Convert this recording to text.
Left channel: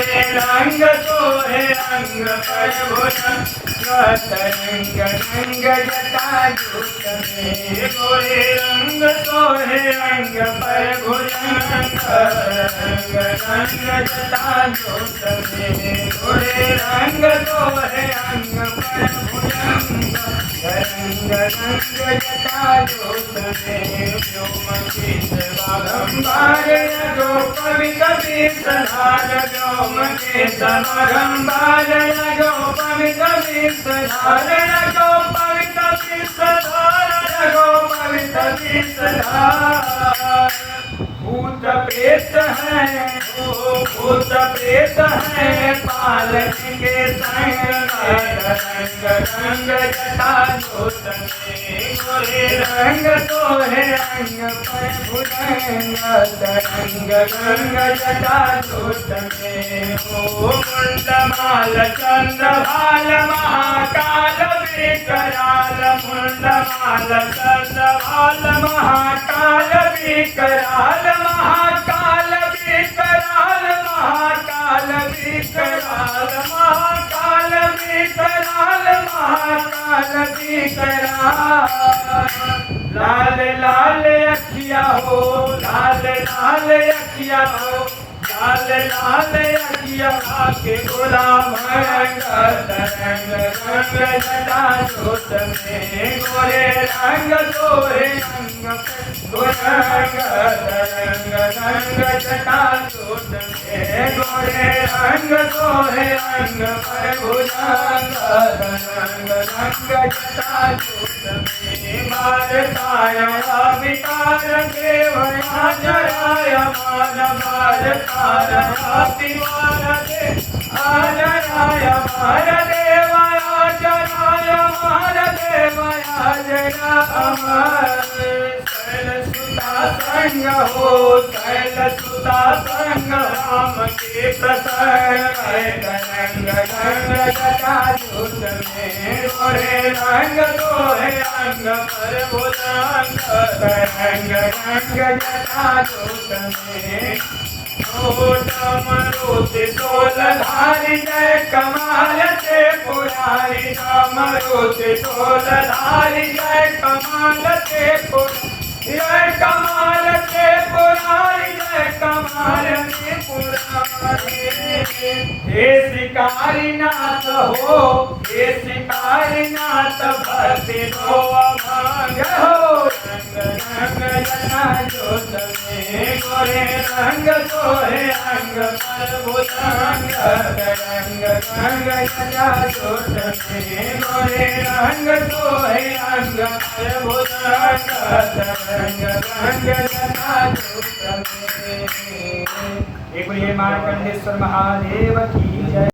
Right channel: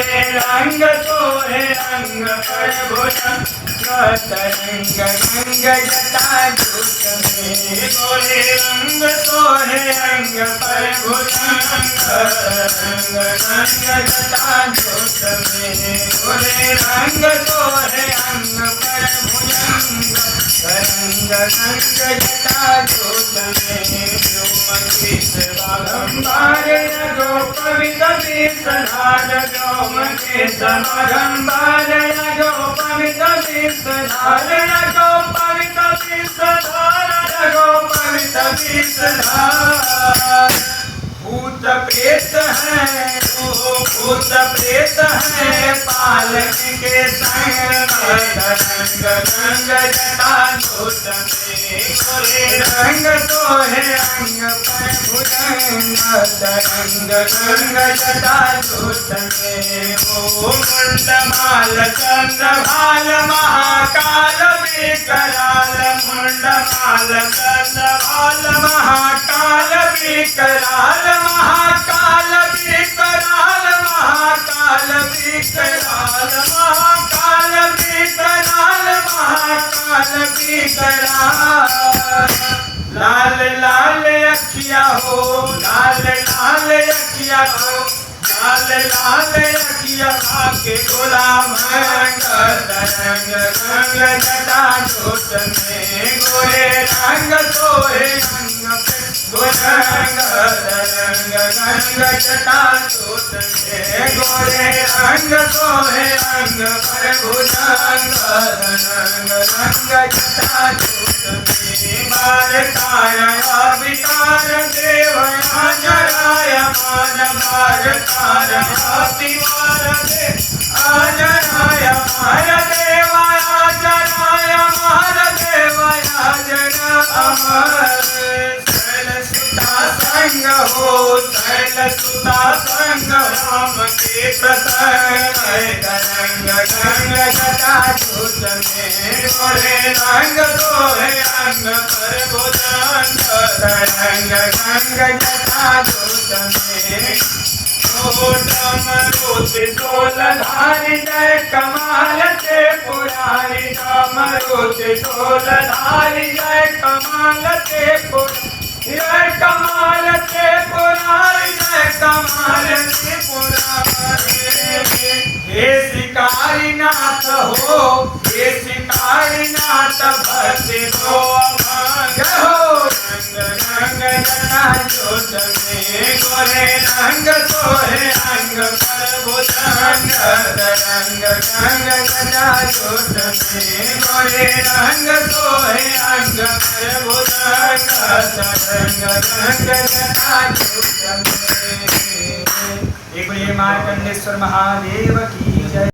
गोरे रंग सोहे अंग पर भुजंग तरंग रंग जटा जूट में गोरे रंग सोहे अंग पर भुजंग तरंग रंग जटा जूट में गोरे रंग सोहे अंग पर भुजंग तरंग रंग जटा जूट में बारंबार जो पवित्र विषधार व्योम के समारंभार जो पवित्र विषधार जो पवित्र विषधार जो पवित्र विषधार भूत प्रेत है भूत प्रेत है पालक के संग रंग रंग जटा जूट में गोरे रंग सोहे अंग पर भुजंग तरंग रंग जटा जूट में ओ मुंडमाल चंद्रभाल महाकाल विकराल मुंडमाल चंद्रभाल महाकाल विकराल महाकाल विकराल महाकाल विकराल महाकाल विकराल महाकाल विकराल लाल लाल अखिया हो लाल लाल अखिया हो लाल लाल अखिया के गुलाम रंग तरंग रंग जटा जूट में गोरे रंग सोहे अंग भुजंग तरंग रंग जटा जूट में गोरे रंग सोहे अंग पर भुजंग तरंग रंग जटा जूट में बार तारा विकार देवया जराय मान बार तारा विकार दे आजराय मार देवया जराय मार देवया जरा अमर सुता संग हो शैल सुता संग राम के प्रसंग रंग रंग जटा जूट में गोरे रंग सोहे अंग पर भुजंग तरंग रंग जटा जूट में डमरुति ढोलधारी जय कमाल से पुरारी डमरुति ढोलधारी जय कमाल से पुरारी जय कमाल से पुरारी जय कमाल से पुरारी हे शिकारी नाथ हो हे शिकारी नाथ भक्ति हो अभंग हो रंग रंग जटा जूट में गोरे रंग सोहे अंग पर भुजंग तरंग रंग जटा जूट में गोरे रंग सोहे अंग पर भुजंग तरंग रंग जटा जूट में। एक बोलिए मार्कंडेश्वर महादेव की जय।